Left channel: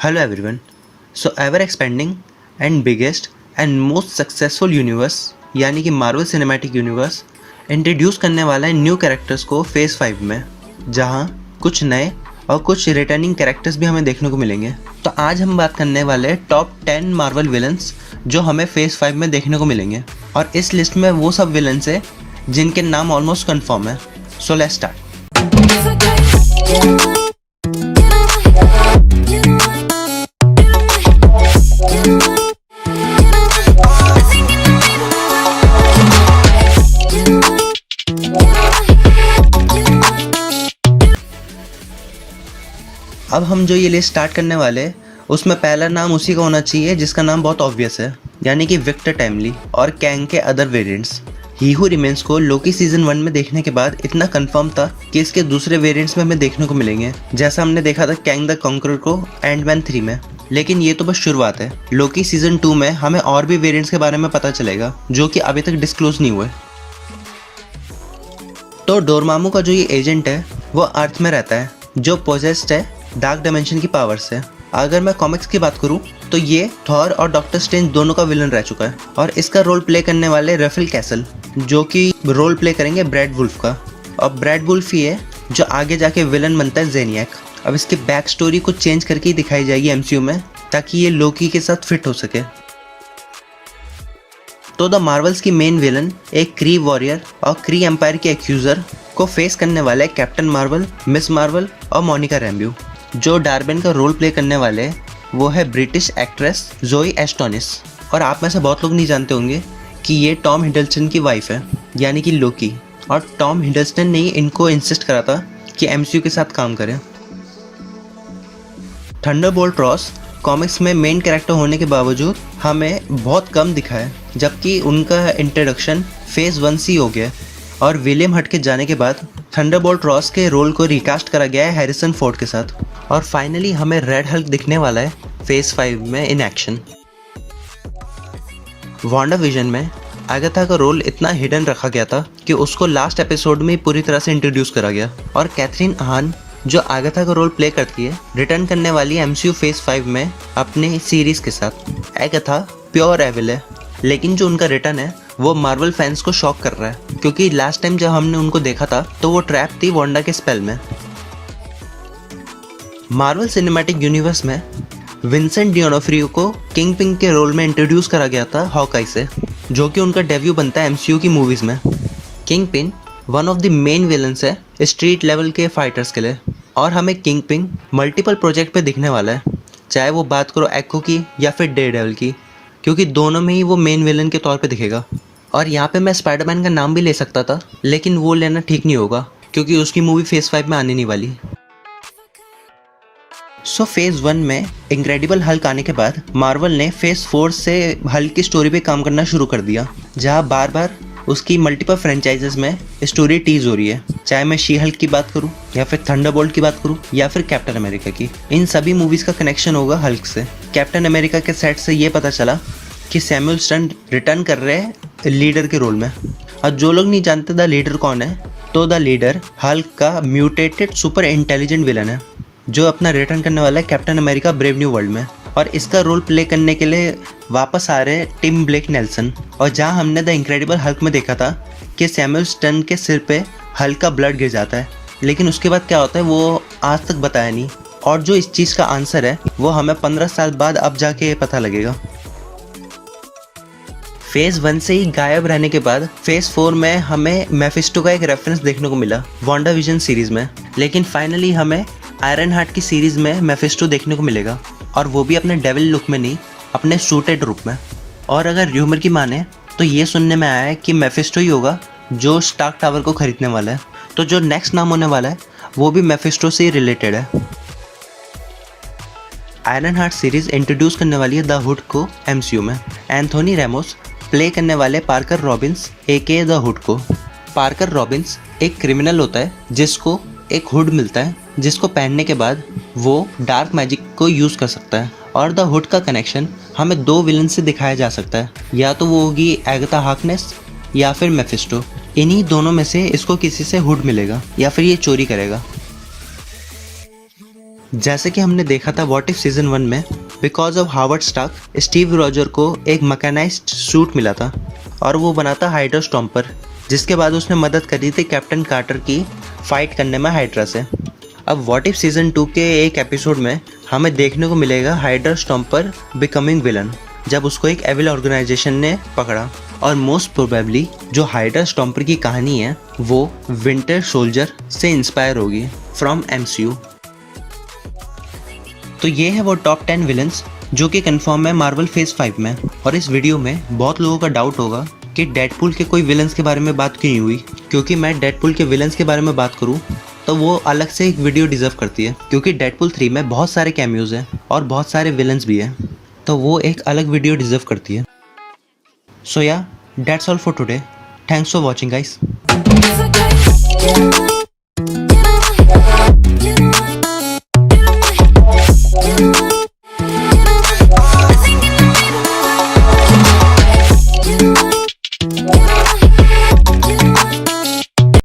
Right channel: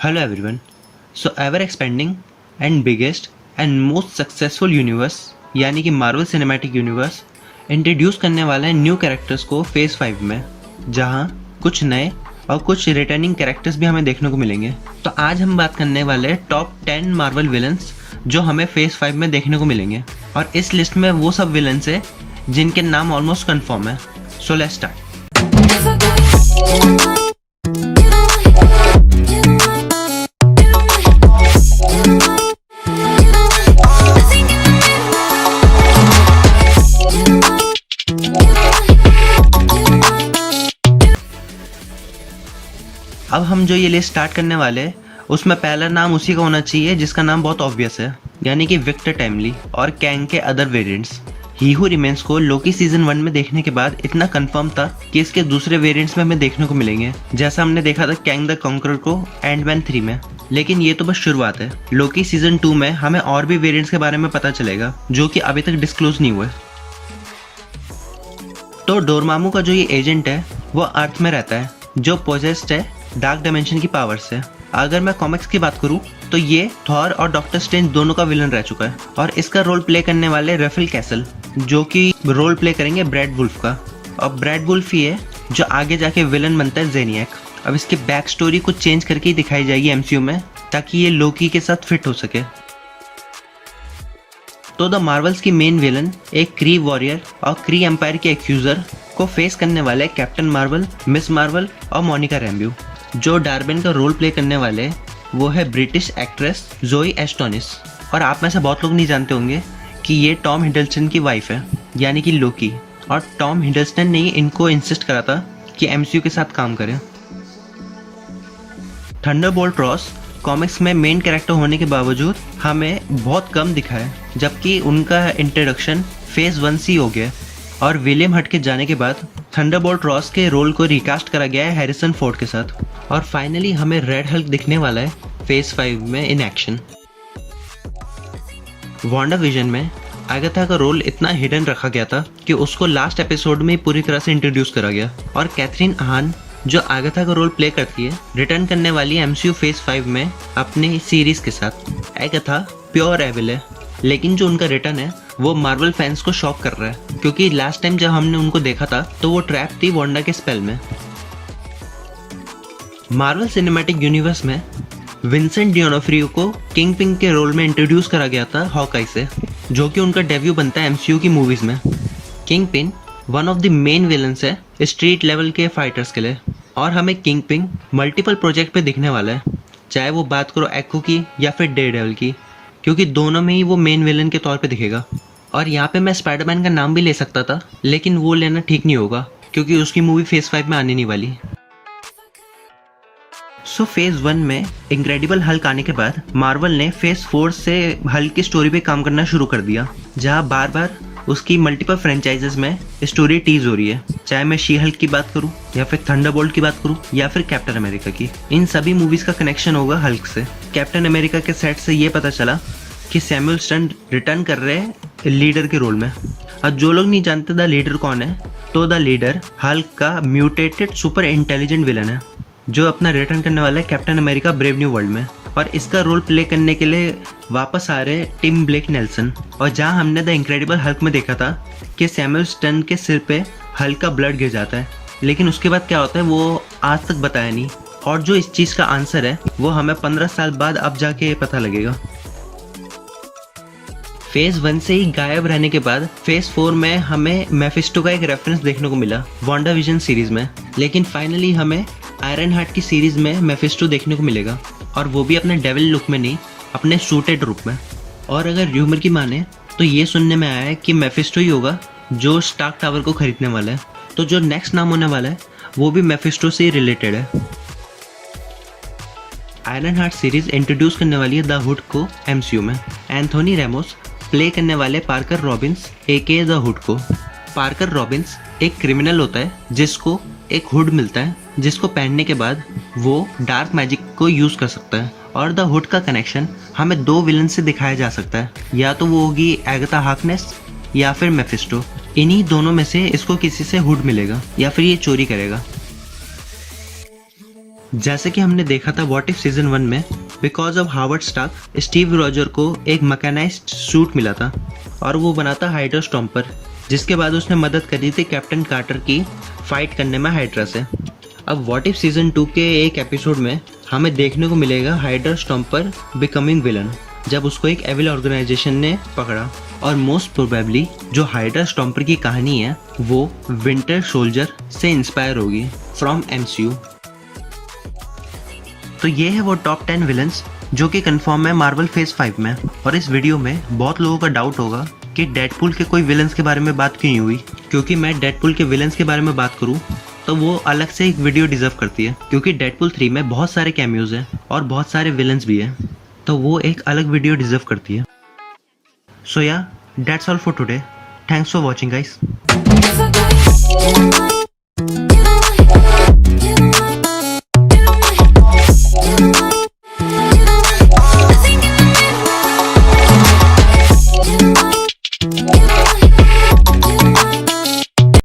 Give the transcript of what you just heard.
Hello everyone. So ever expanding and biggest and most successful universe यानी कि Marvel cinematic universe introduce करने वाला है न्यू कैरेक्टर्स को फेज़ 5 में, जहां कुछ नए और कुछ रिटर्निंग कैरेक्टर्स भी हमें देखने को मिलेंगे। तो आज हम बात करने वाले हैं टॉप 10 मार्वल विलन्स जो हमें फेज़ 5 में देखने को मिलेंगे, और इस लिस्ट में वो सब विलन्स है जिनके नाम ऑलमोस्ट कंफर्म है। So let's start. अब हम जो ये लिस्ट स्टार्ट करने वाले हैं उसमें पहला नाम उसी का होना चाहिए जिसका नाम बहुत ऑब्वियस है, यानी कि विक्टर टाइमली और कैंग के अदर वेरिएंट्स। ही हू रिमेन्स को लोकी सीजन 1 में देखने के बाद इतना कंफर्म था कि इसके दूसरे वेरिएंट्स में हमें देखने को मिलेंगे, जैसा हमने देखा था कैंग द कॉन्करर को एंटमैन 3 में। लेकिन ये तो बस शुरुआत है। लोकी सीजन 2 में हमें और भी वेरिएंट्स के बारे में पता चलेगा जो कि अभी तक डिस्क्लोज नहीं हुए। तो डोरमामू का जो ये एजेंट है वो अर्थ में रहता है, जो पोजेस्ड है डार्क डायमेंशन की पावर से। अगर मैं कॉमिक्स की बात करूं तो ये थॉर और डॉक्टर स्ट्रेंज दोनों का विलन रह चुका है, और इसका रोल प्ले करने वाले रेफेल कैसल, जो कि रोल प्ले करेंगे ब्रैड वुल्फ का। और ब्रैड वुल्फ ही है जो आगे जाके विलन बनता है ज़ेनियाक। अब इसकी बैक स्टोरी कुछ चेंज करके ही दिखाई जाएगी एमसीयू में, ताकि ये लोकी के साथ फिट हो सके। तो द मार्वल्स की मेन विलन एक क्री वॉरियर और क्री एम्पायर के एक्यूजर को फेस करने वाले कैप्टन मार्वल, मिस मार्वल और मोनिका रैम्ब्यू। जो डार्बिन का रोल प्ले करने वाले वो है ब्रिटिश एक्ट्रेस जोई एस्टोनिस। और आप में से बहुत लोग नहीं जानते होंगे कि ये टॉम हिडलस्टन की वाइफ है, यानी कि लोकी। और टॉम हिडलस्टन ने इनको इंसिस्ट करा था कि एमसीयू के साथ काम करें। थंडरबोल्ट रॉस कॉमिक्स में मेन कैरेक्टर होने के बावजूद हमें बहुत कम दिखा है, जबकि उनका इंट्रोडक्शन फेज़ 1 से हो गया। और विलियम हट के जाने के बाद थंडरबोल्ट रॉस के रोल को रिकास्ट करा गया है हैरिसन फोर्ड के साथ। और फाइनली हमें रेड हल्क दिखने वाला है फेज़ 5 में इन एक्शन। वांडा विजन में आगथा का रोल इतना हिडन रखा गया था कि उसको लास्ट एपिसोड में पूरी तरह से इंट्रोड्यूस करा गया। और कैथरीन आहान जो आगथा का रोल प्ले करती है रिटर्न करने वाली है एमसीयू फेज़ 5 में अपने सीरीज के साथ। आगथा प्योर एविल है, लेकिन जो उनका रिटर्न है वो मार्वल फैंस को शॉक कर रहा है, क्योंकि लास्ट टाइम जब हमने उनको देखा था तो वो ट्रैप थी वांडा के स्पेल में। मार्वल सिनेमैटिक यूनिवर्स में विंसेंट डियोनोफ्रियो को किंग पिन के रोल में इंट्रोड्यूस करा गया था हॉकाई से, जो कि उनका डेब्यू बनता है एमसीयू की मूवीज में। King pin one of the main villains है स्ट्रीट लेवल के फाइटर्स के लिए, और हमें किंग पिन मल्टीपल प्रोजेक्ट पे दिखने वाला है, चाहे वो बात करो एक्को की या फिर डेयरडेविल की, क्योंकि दोनों में ही वो मेन विलन के तौर पे दिखेगा। और यहाँ पे मैं स्पाइडरमैन का नाम भी ले सकता था, लेकिन वो लेना ठीक नहीं होगा क्योंकि उसकी मूवी फेज़ 5 में आने नहीं वाली। सो फेज़ 1 में इनक्रेडिबल हल्क आने के बाद मार्वल ने फेज़ 4 से हल्क की स्टोरी पे काम करना शुरू कर दिया, जहाँ बार बार उसकी मल्टीपल फ्रेंचाइजेस में स्टोरी टीज हो रही है। चाहे मैं शी हल्क की बात करूँ या फिर थंडरबोल्ट की बात करूँ या फिर कैप्टन अमेरिका की, इन सभी मूवीज का कनेक्शन होगा हल्क से। कैप्टन अमेरिका के सेट से ये पता चला कि सैमुअल स्टन रिटर्न कर रहे हैं लीडर के रोल में। और जो लोग नहीं जानते द लीडर कौन है, तो द लीडर हल्क का म्यूटेटेड सुपर इंटेलिजेंट विलन है, जो अपना रिटर्न करने वाला है captain America brave new world में। और इसका रोल प्ले करने के लिए वापस आ रहे हैं टिम ब्लेक नेल्सन। और जहां हमने द इनक्रेडिबल हल्क में देखा था कि सैमुअल स्टन के सिर पे हल्क का ब्लड गिर जाता है, लेकिन उसके बाद क्या होता है वो आज तक बताया नहीं। और जो इस चीज़ का आंसर है वो हमें 15 साल बाद अब जाके पता लगेगा। फेज़ 1 से ही गायब रहने के बाद फेज़ 4 में हमें मेफिस्टो का एक रेफरेंस देखने को मिला वांडा विजन सीरीज में, लेकिन फाइनली हमें आयरन हार्ट की सीरीज में मेफिस्टो देखने को मिलेगा, और वो भी अपने डेविल लुक में नहीं, अपने सूटेड रूप में। और अगर र्यूमर की माने तो ये सुनने में आया है कि मेफिस्टो ही होगा जो स्टार्क टावर को खरीदने वाला है। तो जो नेक्स्ट नाम होने वाला है वो भी मेफिस्टो से रिलेटेड है। आयरन हार्ट सीरीज इंट्रोड्यूस करने वाली है द हुड को एमसीयू में। एंथोनी रेमोस प्ले करने वाले Parker Robbins aka the hood को। पार्कर रॉबिन्स एक क्रिमिनल होता है जिसको एक हुड मिलता है, जिसको पहनने के बाद वो डार्क मैजिक को यूज़ कर सकता है। और द हुड का कनेक्शन हमें दो विलन से दिखाया जा सकता है, या तो वो होगी एगाथा हार्कनेस या फिर मेफिस्टो। इन्हीं दोनों में से इसको किसी से हुड मिलेगा या फिर ये चोरी करेगा। जैसे कि हमने देखा था व्हाट इफ सीजन 1 में, because of Howard Stark Steve Roger को एक मैकेनाइज्ड सूट मिला था और वो बना था हाइड्रा स्टॉम्पर, जिसके बाद उसने मदद करी थी कैप्टन कार्टर की फाइट करने में हाइड्रा से। अब व्हाट इफ सीजन 2 के एक एपिसोड में हमें देखने को मिलेगा हाइड्रा स्टॉम्पर बिकमिंग विलन, जब उसको एक एविल ऑर्गेनाइजेशन ने पकड़ा। और मोस्ट प्रोबेबली जो हाइड्रा स्टॉम्पर की कहानी है वो विंटर सोल्जर से इंस्पायर होगी फ्रॉम MCU। तो ये है वो टॉप 10 विलन्स जो कि कंफर्म है मार्वल फेज 5 में। और इस वीडियो में बहुत लोगों का डाउट होगा कि डेडपूल के कोई विलन्स के बारे में बात क्यों नहीं हुई, क्योंकि मैं डेडपूल के विलन्स के बारे में बात करूं तो वो अलग से एक वीडियो डिजर्व करती है, क्योंकि डेडपूल 3 में बहुत सारे कैमियोज हैं और बहुत सारे विलन्स भी हैं, तो वो एक अलग वीडियो डिजर्व करती है। सो या that's all for today, thanks for watching guys.